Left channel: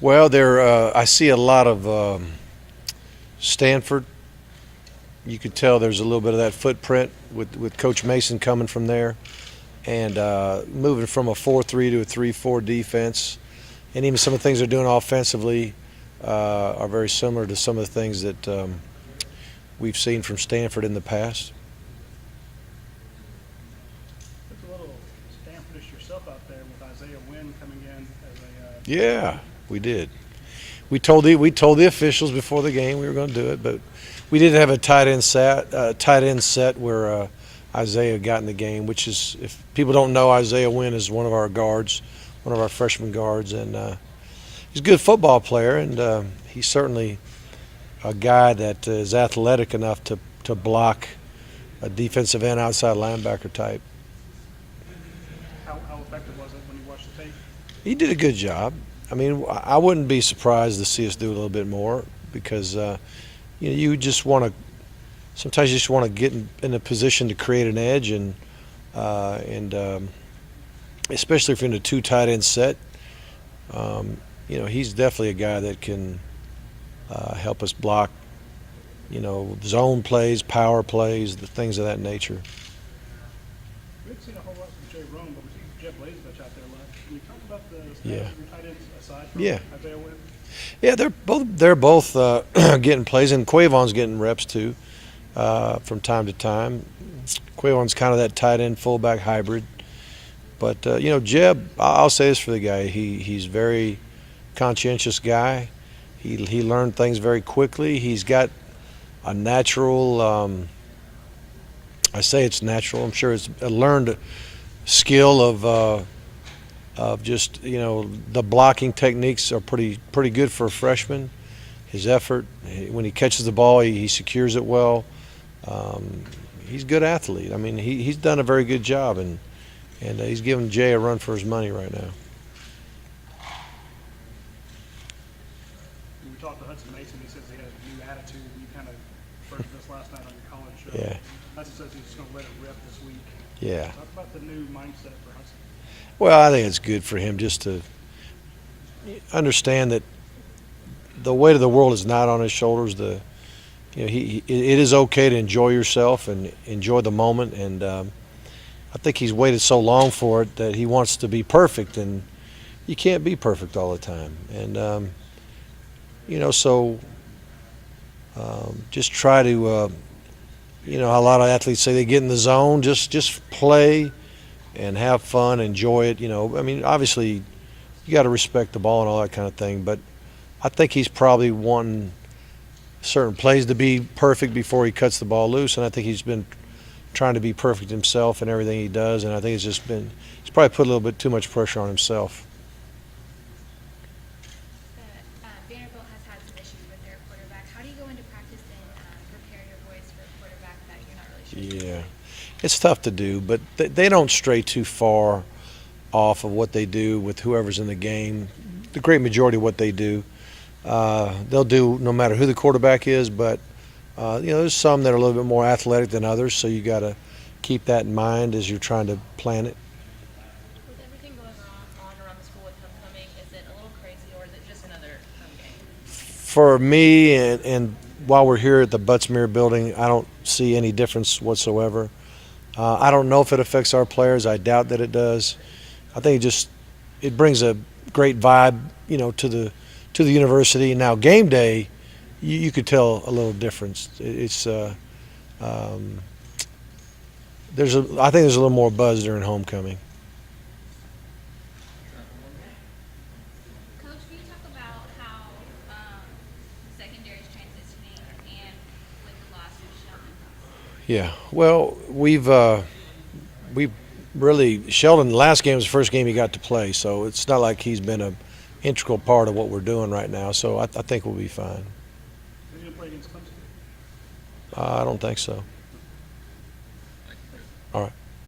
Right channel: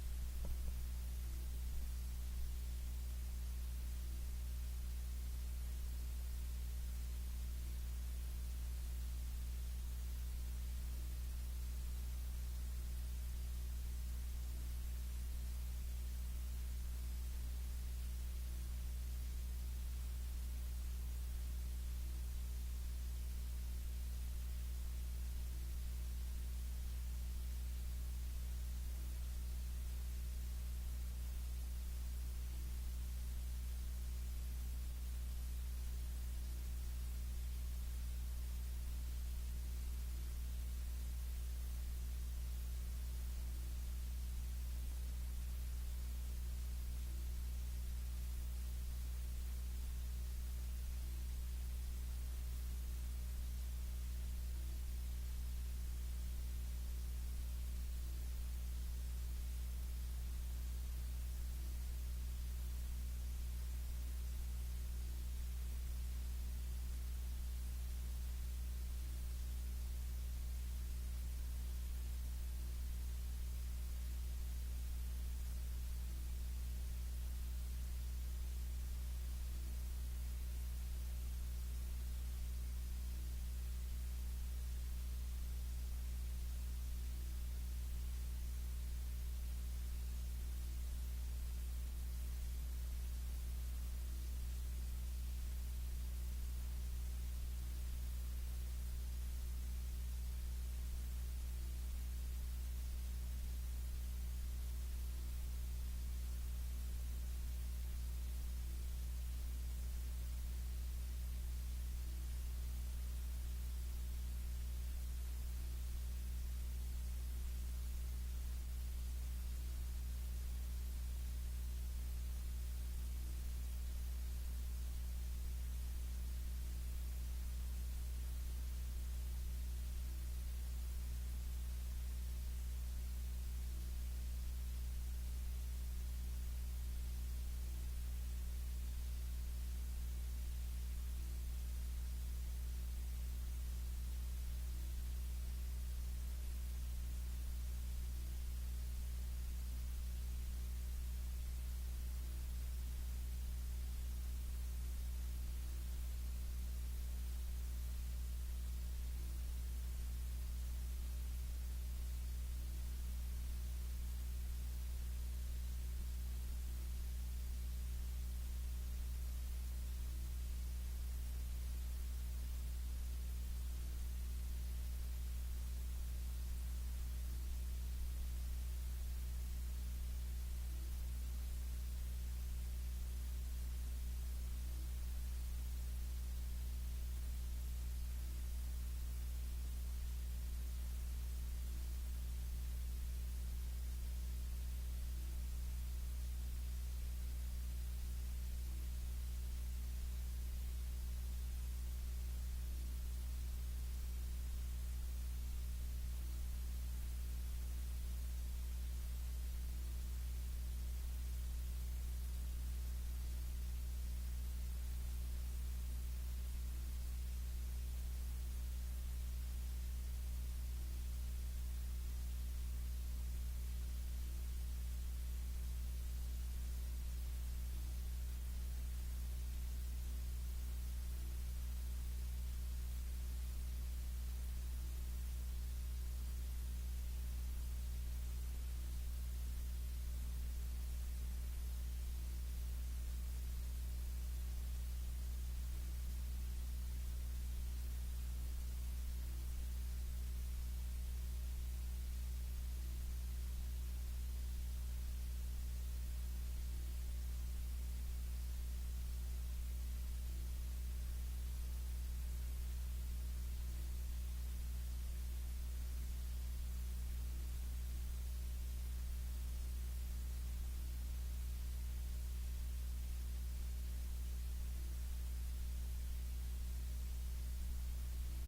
Well, I see a lot of Stanford. You could tell there's a little bit of that footprint with Coach Mason coming from there and moving from a 4-3 to a 3-4 defense. And even some of the things they're doing offensively are very similar to some of the things that we've seen from Stanford in the past. It's a little Stanfordish yourself out there with Isaiah Wynn coming in as a Yeah, we did. We told the officials before the game we were going to do it, but we did have a tight end set where Isaiah got in the game, which is, if people don't know, Isaiah Wynn is one of our guards, one of our freshman guards, and he's a good football player, and he's certainly a guy that is athletic enough to block a defensive end outside linebacker type. how effective was it when you watched the tape? He did a good job. I mean, I wouldn't be surprised to see us do a little bit more because you just want to. Sometimes you just want to get in a position to create an edge, and especially if you're in a two tight end set, he's definitely a guy that can help us block, zone plays, power plays, the things of that nature. We haven't seen a whole lot from Jay Rome, but we see Jeff Blazevich out there a lot. Can you talk about the Yeah. status of your tight ends aside from Yeah. Isaiah Wynn? Yeah, they're both getting plays, and Quavon's getting reps too from time to time. Quavon's kind of that tight end fullback hybrid, but Jeb, I'll say this for the guy: he's very conscientious guy. He learned things very quickly. He's got a natural. I say it's natural. I'm sure it's a learned skill of just the blocking techniques are pretty good for a freshman. His effort when he catches the ball, he secures it well. He's a good athlete. I mean, he's done a very good job, and he's giving Jay a run for his money right now. When we talked to Hudson Mason, he says he has a new attitude. You kind of referred to this last night on your college show. Yeah. Hudson says he's just going to let it rip this week. Yeah. Talk about the new mindset for Hudson. Well, I think it's good for him just to understand that the weight of the world is not on his shoulders. It is okay to enjoy yourself and enjoy the moment, and I think he's waited so long for it that he wants to be perfect, and you can't be perfect all the time. And so just try to a lot of athletes say they get in the zone, just play and have fun, enjoy it. I mean, obviously you got to respect the ball and all that kind of thing, but I think he's probably wanting certain plays to be perfect before he cuts the ball loose, and I think he's been trying to be perfect himself in everything he does, and I think he's probably put a little bit too much pressure on himself. Vanderbilt has had some issues with their quarterback. How do you go into practice and prepare your boys for a quarterback that you're not really sure? Yeah, it's tough to do, but they don't stray too far off of what they do with whoever's in the game. The great majority of what they do, they'll do no matter who the quarterback is, but there's some that are a little bit more athletic than others, so you got to keep that in mind as you're trying to plan it. With everything going on around the school with homecoming, is it a little crazy or is it just another home game? For me, and while we're here at the Butts-Mehre building, I don't see any difference whatsoever. I don't know if it affects our players. I doubt that it does. I think it brings a great vibe, to the university. Now, game day, you could tell a little difference. I think there's a little more buzz during homecoming. Coach, can you talk about how secondary is transitioning and with the loss of Sheldon? Yeah. Well, we've really Sheldon. The last game was the first game he got to play, so it's not like he's been an integral part of what we're doing right now. So I think we'll be fine. Are you going to play against Clemson? I don't think so. All right.